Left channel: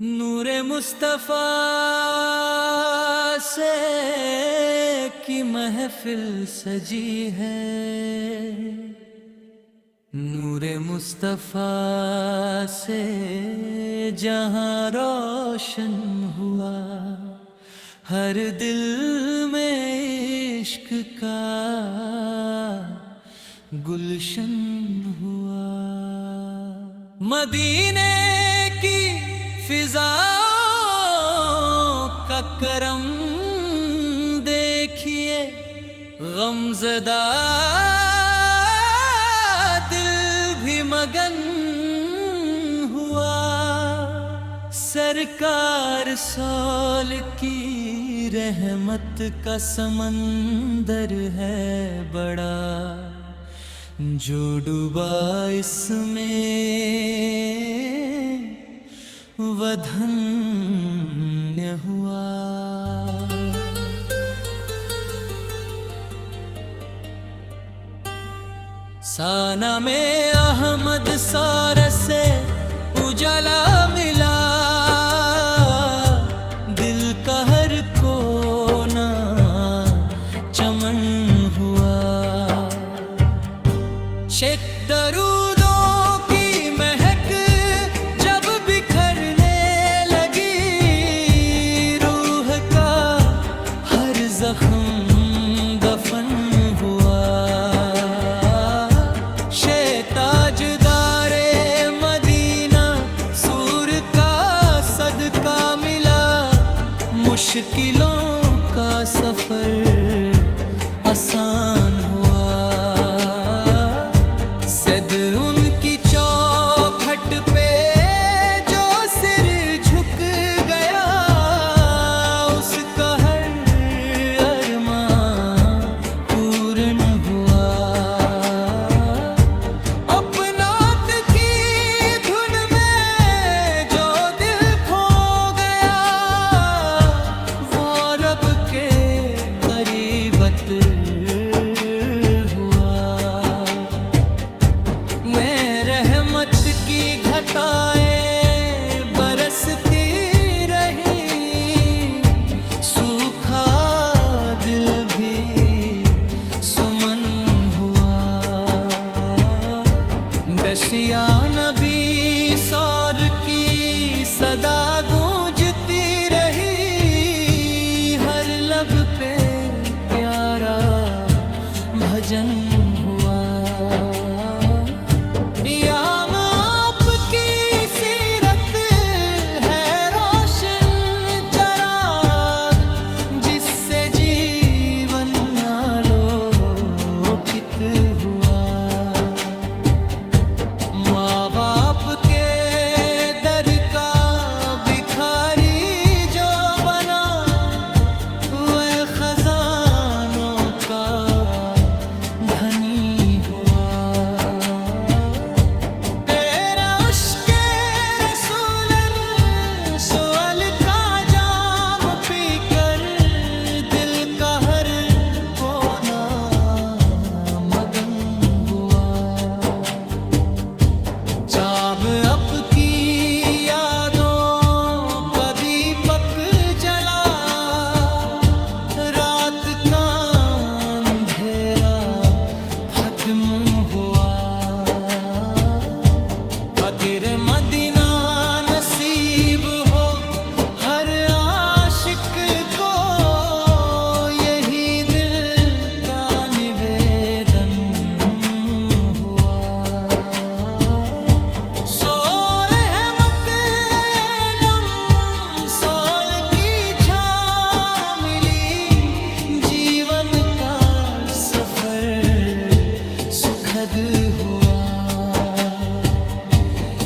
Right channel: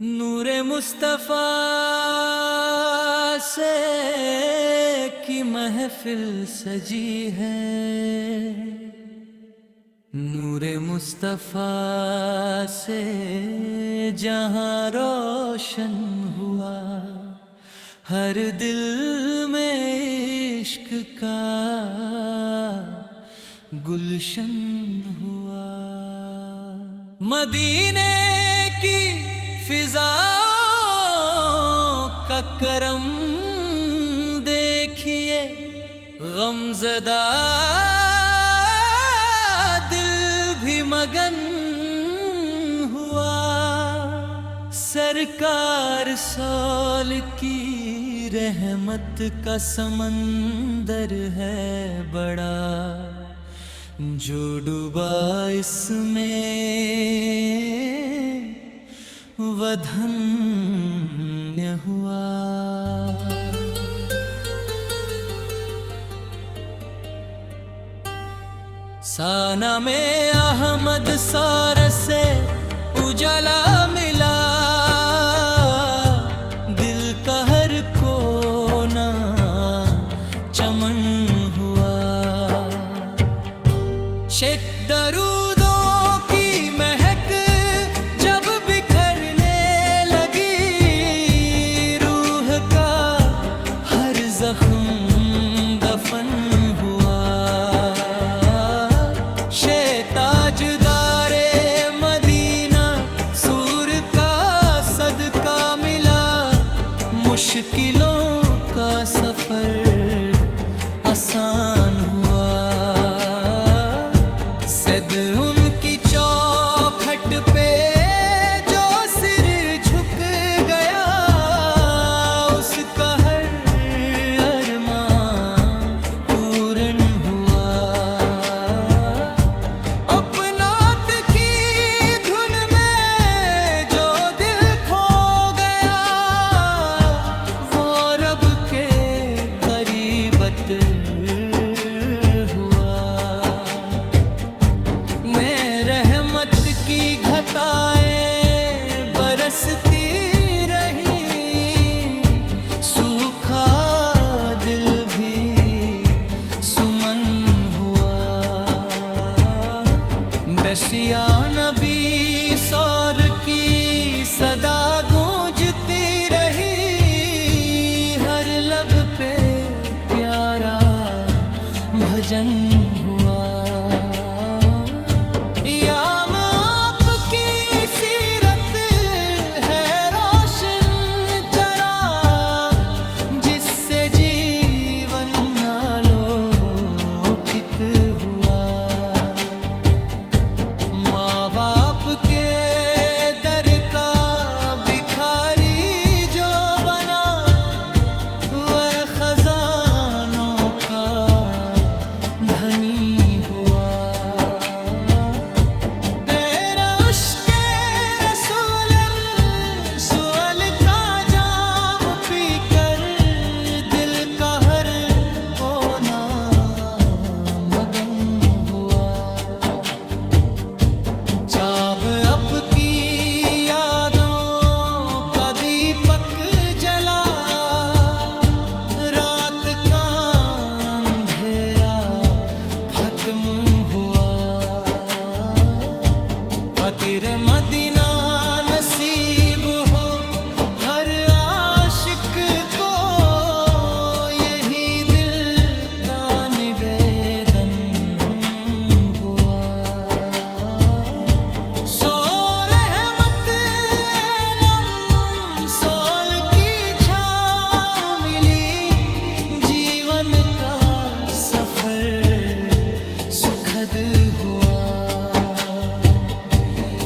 नूरे मुस्तफा से की महफिल सजी है, नूरे मुस्तफा से जहां रोशन हुआ, हर दिल में इश्क का गुलशन हुआ। मदीने की फिजाओं का करम देखिए, गमज़दा दिल भी मगन हुआ। सरकार सोल की रहमत का समंदर है बड़ा, जो डूबा इसमें वह धन्य हुआ। साना में अहमद सार से उजाला मिला, दिल का हर कोना चमन हुआ। शेख दरूदों की महक जब बिखरने लगी, रूह का हर जख्म दफन हुआ। ताजदारे मदीना सूर का सदका मिला, मुश्किलों का सफर आसान हुआ। सद उनकी चौखट पे जो सिर झुक गया, उसका हर अरमां पूर्ण हुआ। अपनात की धुन में जो दिल खो गया, वो रब के करीबत की घटाएं बरसती रही, सूखा दिल भी सुमन हुआ। दशिया नबी सौर की सदा गूंजती रही, हर लब पे प्यारा भजन हुआ। हुआ माँ बाप के दर का भिखारी जो बना, वह खजानों का धनी हुआ। तेरा उश्के रसूल सुअल का जाम पीकर, दिल का हर कोना अब की यादों का दीपक जला, रात का अंधेरा खत्म हुआ। फकीर मदीना नसीब हो हर आशिक को, यही दिल का निवेदन हुआ। सुखद हुआ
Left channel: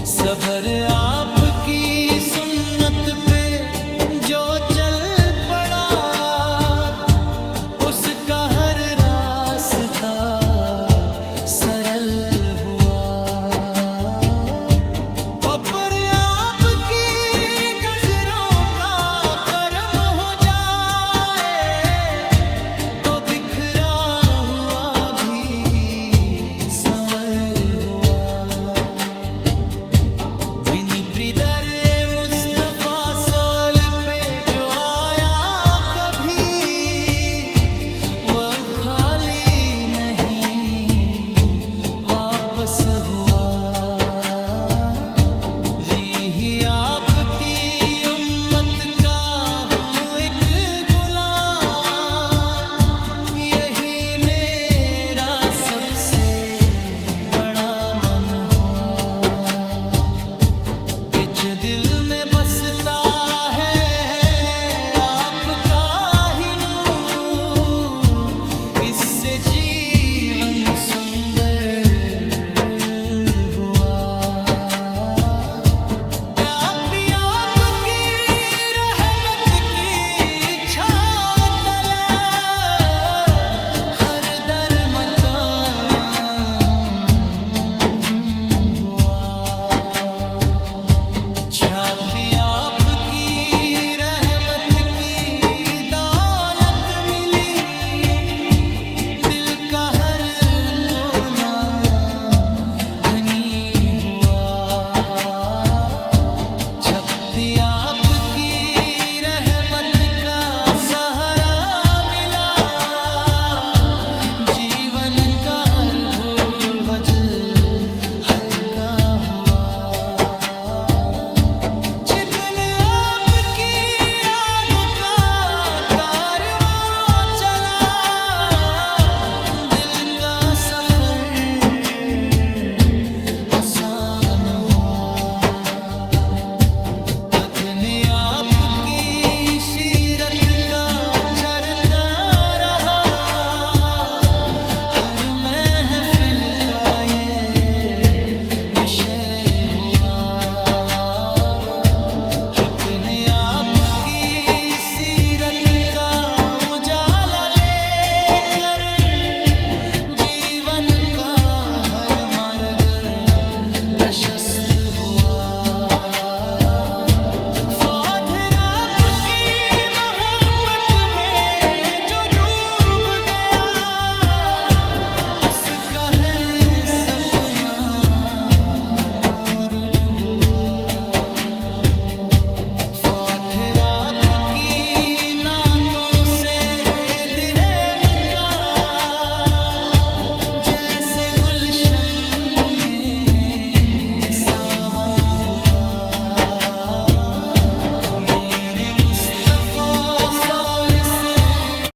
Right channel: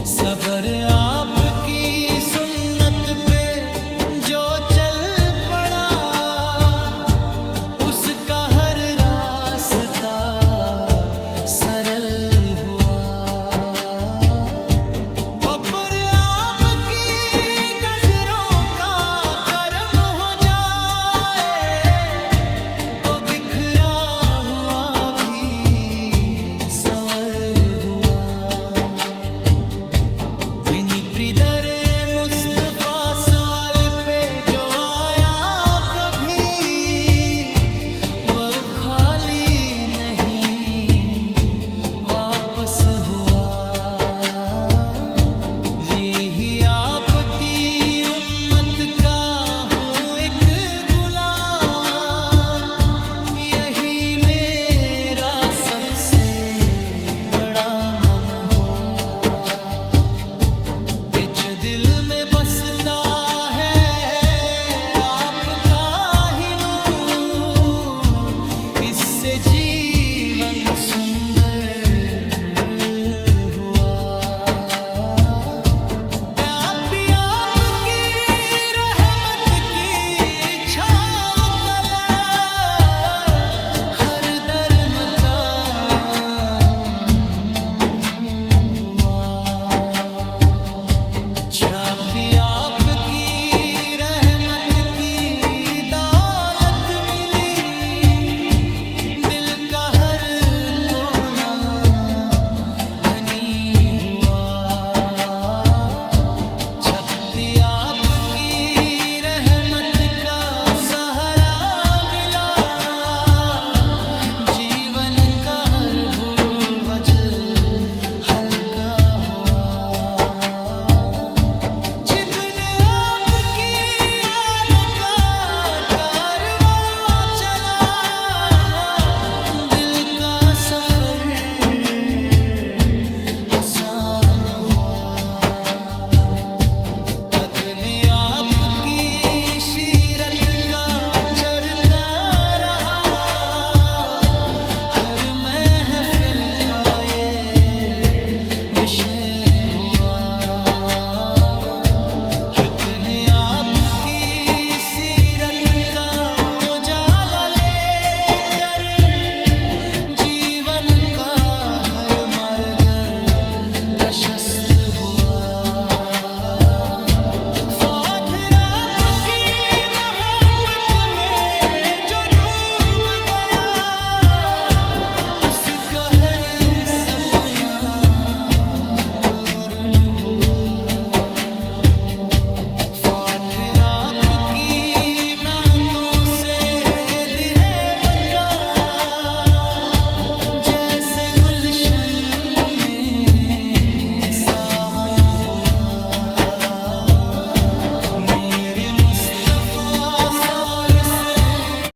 सबर आपकी सुन्नत पे जो चल पड़ा, उसका हर रास्ता सरल हुआ। पर आपकी नजरों का करम हो जाए, जी